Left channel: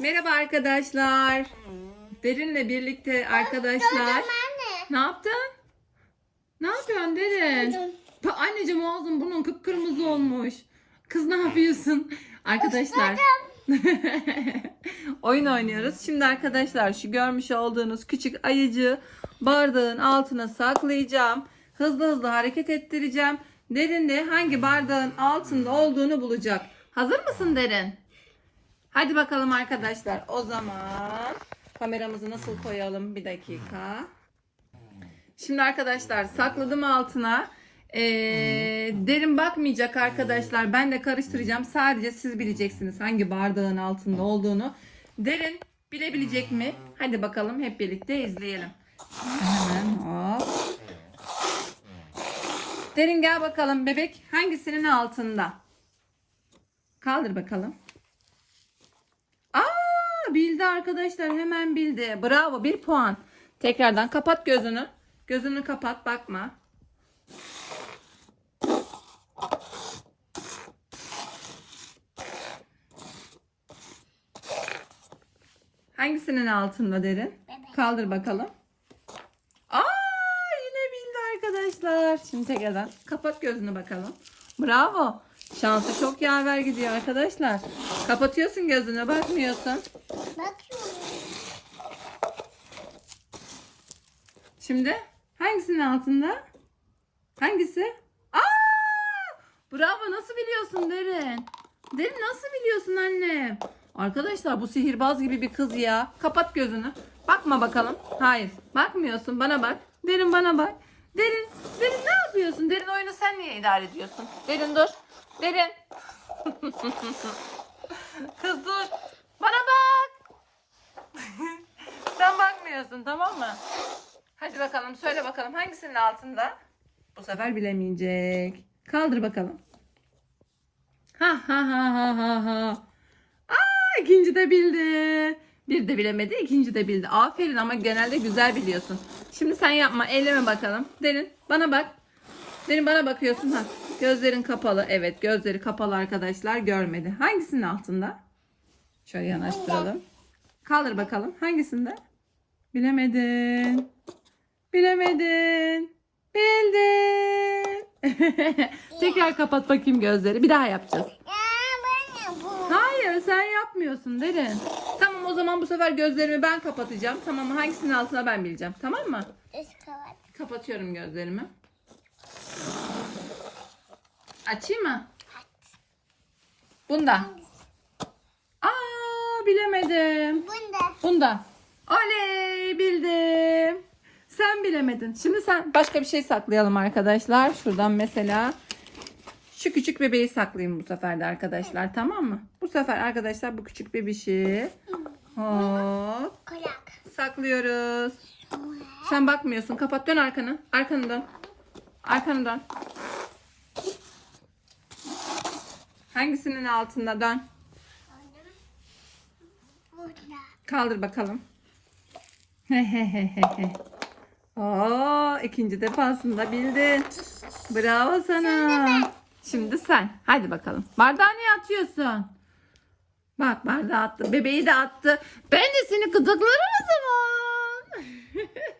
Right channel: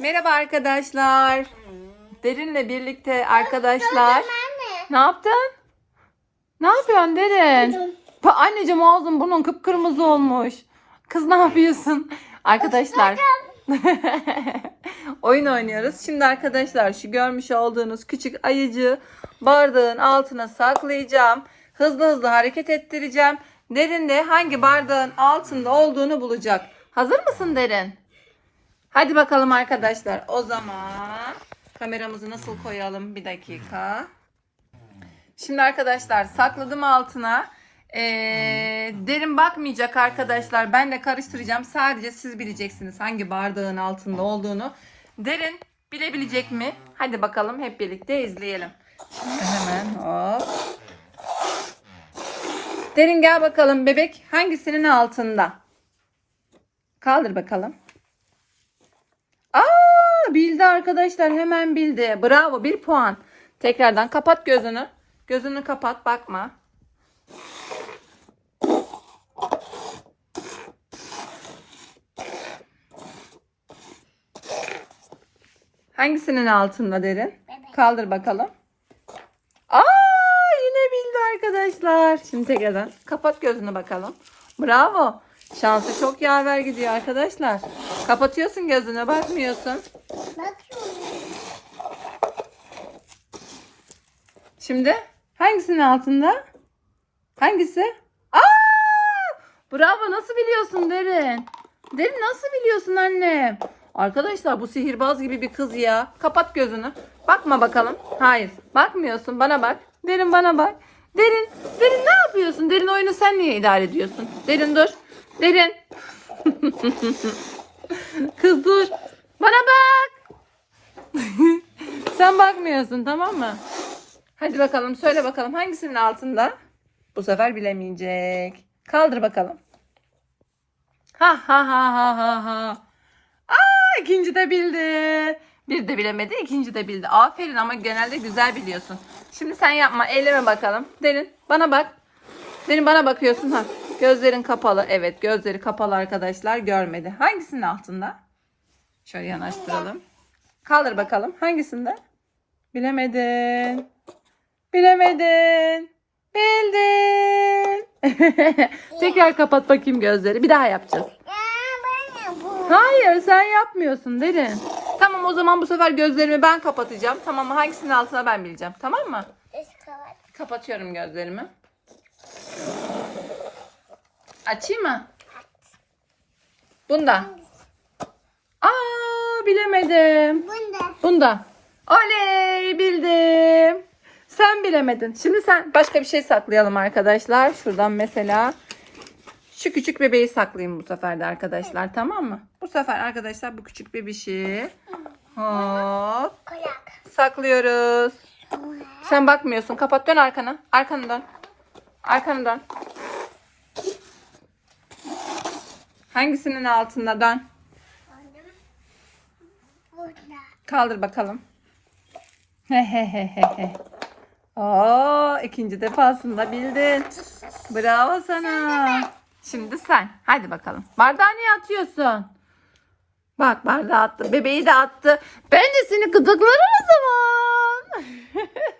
Merhaba arkadaşlar. Derin'le birlikte arkadaşlar. Ne yaptın? Ne yapıyorsun Derin? Pa anneciğim ağzın burnun kıpkırmızı olmuş. Kız ne yapıyorsun? Arkadaşlar. Oyun oynuyoruz. Şimdi arkadaşlar şu görmüş olduğunuz küçük ayıcı bardağın altına saklayacağım. Hızlı hızlı hareket ettireceğim. Derin de hangi bardağın altında olduğunu bulacak. Hazır mısın Derin? Hadi bakalım arkadaşlar. O zaman kameramızı nasıl koyalım? Bir dakika. Şimdi arkadaşlar sakladım altına. Ee, derin bakmayacak arkadaşlar. Ben de karıştıracağım. Sadece siz bileceksiniz hangi bardağın altında olduğunu. Derin bilebilecek mi? Hadi bakalım hep birlikte izleyelim. Hemen hop. Derin gel bakalım bebek hangisinin altında? Kaldır bakalım. Aa bildi arkadaşlar hemen bildi. Bravo bir puan. Tekrardan kapat gözünü. Gözünü kapat bakma. Hangisinin altında derin? Kaldır bakalım. Aa yine bildi arkadaşlar. Şimdi tekrardan kapat gözünü bakalım. Bravo. Şansı çok yaver gidiyor arkadaşlar. Kapatıyorsun gözünü bakmıyorsun. Şimdi hangisinin altında? Hangisi? Aa! Bravo nasıl biliyorsun Derin? Derin nasıl biliyorsun annem? Arkadaşlar bu sihirbaz gibi bir kız ya. Kapat gözünü. Bakma bakalım. Hayır. Bakmıyorsun. Bana bak. Derin bana bak. Derin. Derin ne yapıyorsun? Derin oyunu sen niye idare ediyorsun? Derin dur. Derin. kız dur. Bana bak. sen bakmıyorsun tamam mı? Hadi bakalım söyle bakalım hangisinin altında? Bu sefer bilemeyecek. Kaldır bakalım. Ha ha ha ha ha ha. Aa ikinci de bildi. Bir de bilemedi, ikinci de bildi. Aferin ama genelde güzel biliyorsun. Şimdi sen yapma, elleme bakalım. Derin, bana bak. Derin bana bakıyorsun ha. Gözlerin kapalı. Evet, gözleri kapalı arkadaşlar. Görmedi. Hangisinin altında? Şöyle yanaştıralım. Kaldır bakalım. Hangisinde? Bilemedin. Bilemedin. Bildin. Tekrar kapat bakayım gözleri. Bir daha yapacağız. Hayır sen yapmıyorsun derin. Tamam o zaman bu sefer gözlerimi ben kapatacağım. Tamam mı? Hangisinin altına ben bileceğim. Tamam mı? Kapatıyorum gözlerimi. Açayım mı? Bunda. Bilemedim. Bunda. Bunda. Oley bildim. Sen bilemedin. Şimdi sen başka bir şey saklayalım arkadaşlar. Şuradan mesela şu küçük bebeği saklayayım bu sefer de arkadaşlar. Tamam mı? Bu sefer arkadaşlar bu küçük bebişi hop saklıyoruz. Sen bakmıyorsun. Kapat dön arkana. Arkanı dön. Arkanı dön. Hangisinin altında dön. Burada. Kaldır bakalım. Hehehehe. Oo, ikinci defasında bildin. Bravo sana. Şimdi sen. Hadi bakalım. Bardağı niye atıyorsun? Bak bardağı attı. Bebeği de attı. Ben de seni gıdıklarım o zaman.